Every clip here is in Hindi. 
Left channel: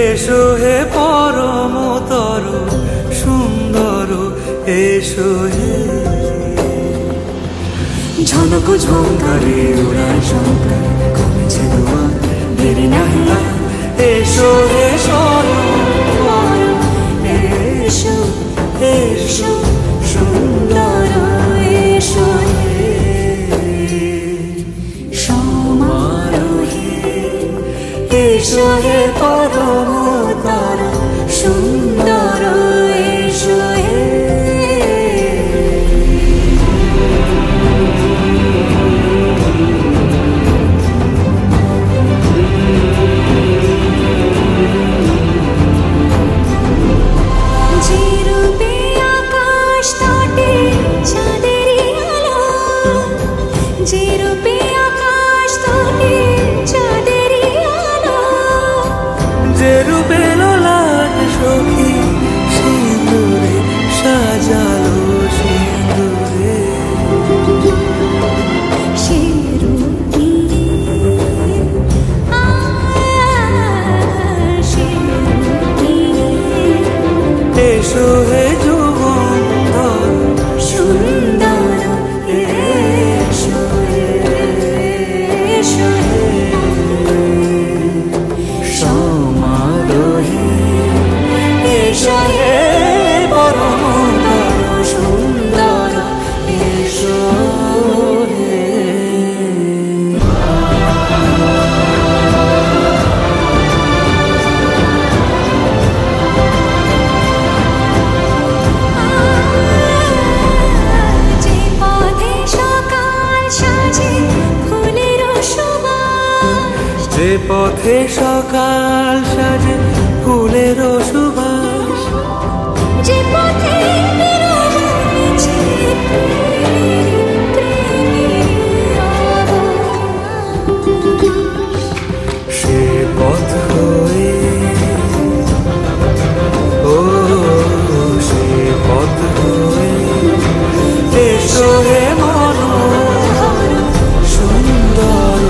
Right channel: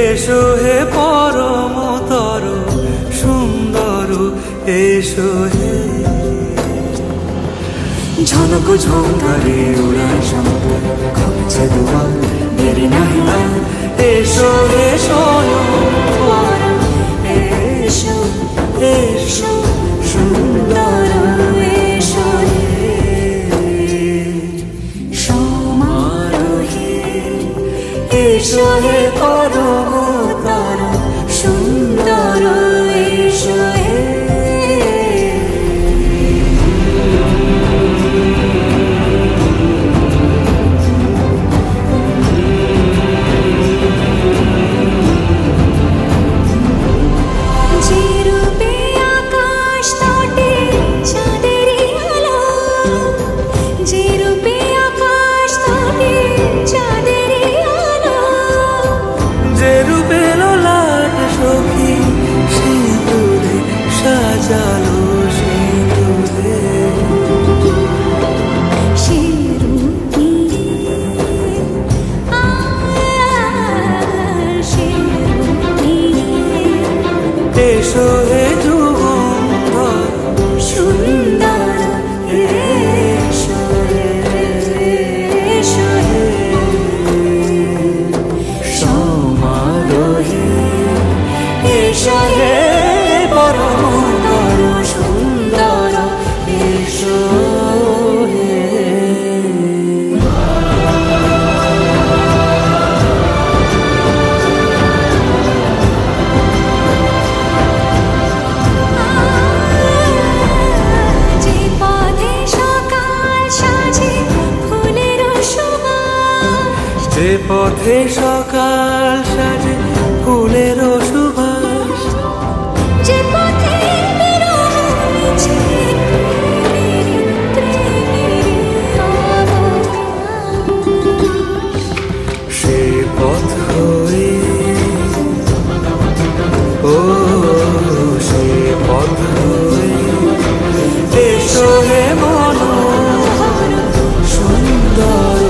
এসো হে পরমতর সুন্দর এসো হে ঝনক ঝঙ্কারে উড়ায় শঙ্কর কমেছে দুয়ার দেরি নাহি আর এসো হে স্বয়ং পরম এসো এসো সুন্দর এসো হে সমারোহে এসো হে পরমতর সুন্দর এসো হে যে রূপে আকাশ তটে চাঁদেরই আলো, যে রূপে আকাশ তটে চাঁদেরই আলো, যে রূপে ললাট সখী সিঁদুরে সাজালো সিঁদুরে সে রূপ নিয়ে সে রূপ নিয়ে এসো হে যুগন্ধর সুন্দর এসো এসো হে সমারোহে এসো হে পরমতর সুন্দর এসো হে যে পথে সকাল সাজে ফুলের সুবাস, যে পথে সকাল সাজে ফুলের সুবাস, যে পথে বিরহ মিছে প্রেমেরই প্রেমেরই অবকাশ, সে পথ হয়ে ও সে পথ হয়ে এসো হে মনোহর সুন্দর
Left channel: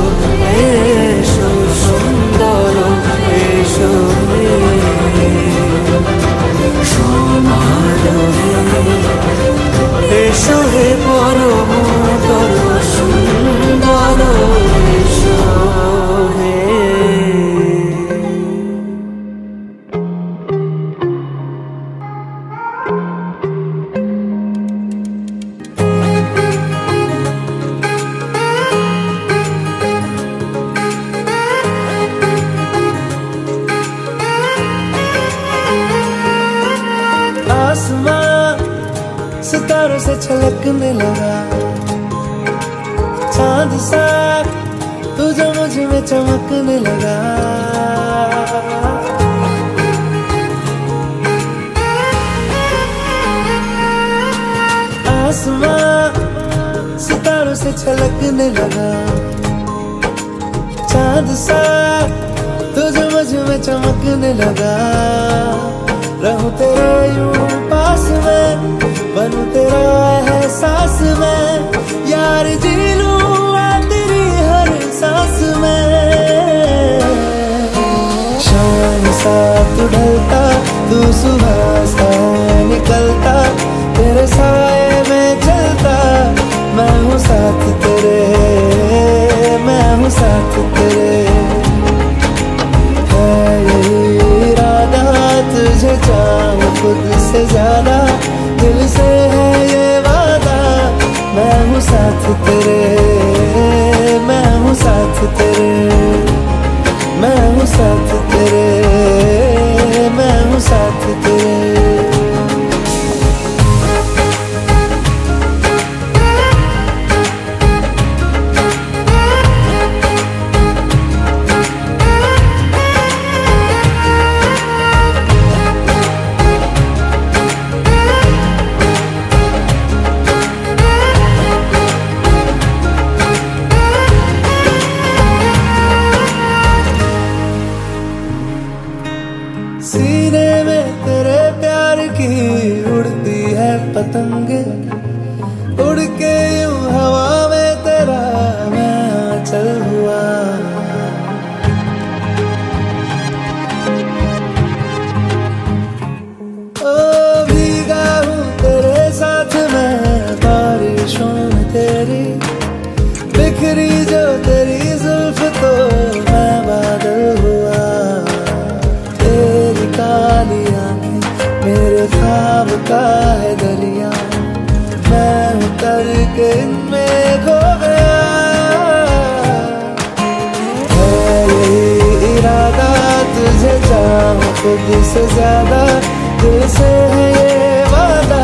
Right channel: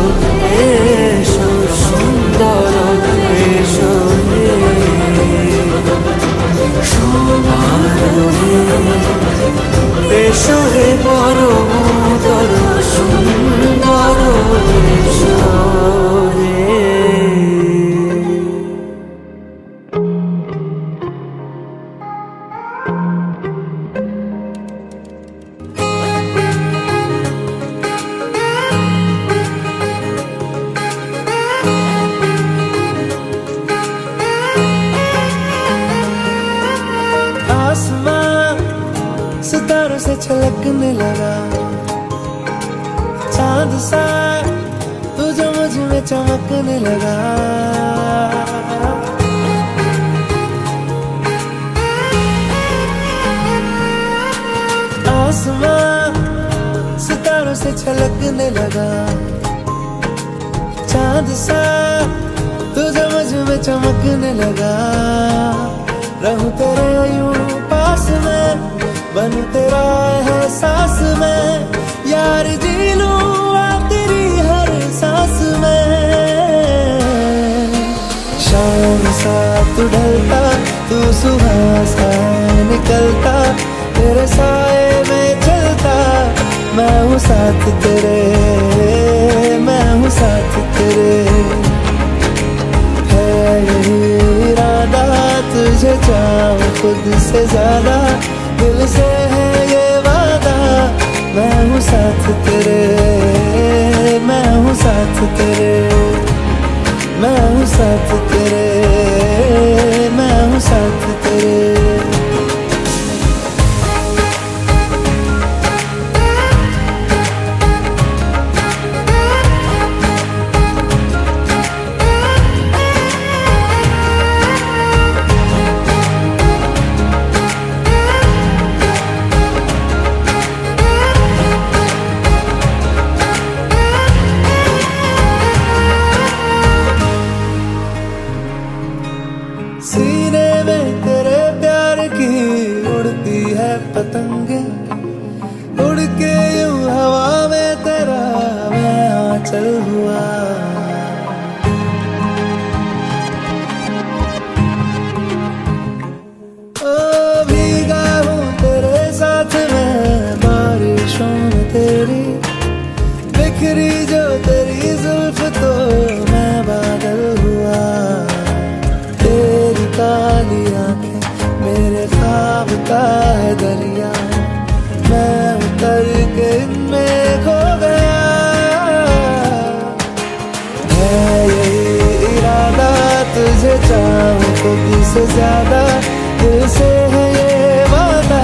এসো সুন্দর এসো হে সমারোহে এসো হে পরমতর সুন্দর এসো হে आसमां सितारों से छलकने लगा, चांद सा तू जो मुझ में चमकने लगा, आसमां सितारों से छलकने लगा, चांद सा तू जो मुझ में चमकने लगा, रहूं तेरे यूं पास में बनूं तेरा एहसास में, यार जी लूं तेरी हर सांस में, शाम सा तू ढलता तू सुबह सा निकलता, तेरे साए में चलता मैं हूँ साथ तेरे, मैं हूँ साथ तेरे, है यही इरादा तुझे चाहूं खुद से ज्यादा, दिल से है ये वादा मैं हूँ साथ तेरे, मैं हूँ साथ तेरे, मैं हूँ साथ तेरे, मैं हूँ साथ तेरे। पतंगे, उड़ के यूं हवा में तेरा मैं आंचल हुआ। ओ भीगा हूँ तेरे साथ मैं बारिशों में तेरी, बिखरी जो तेरी जुल्फ तो मैं बादल हुआ। तेरी काली आंखें मेरे ख्वाब का है दरिया, मैं उतर के इनमें खो गया। है यही इरादा तुझे चाहूं खुद से ज्यादा, दिल से है ये वादा,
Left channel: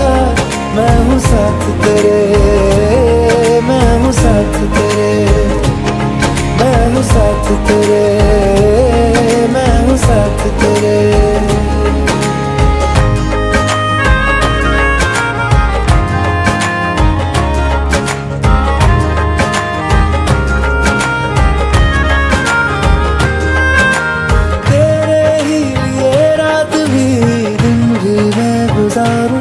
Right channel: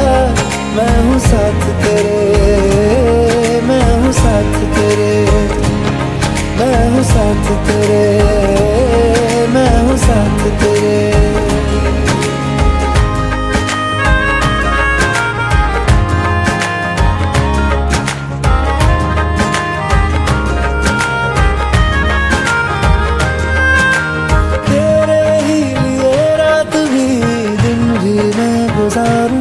मैं हूँ साथ तेरे, मैं हूँ साथ तेरे, मैं हूँ साथ तेरे, मैं हूँ साथ तेरे। तेरे ही लिए रात भी दिन भी मैं गुजारूं,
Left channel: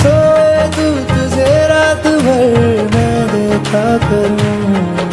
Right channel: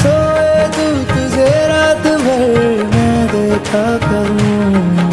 सोए तू तुझे रात भर मैं देखा करूं।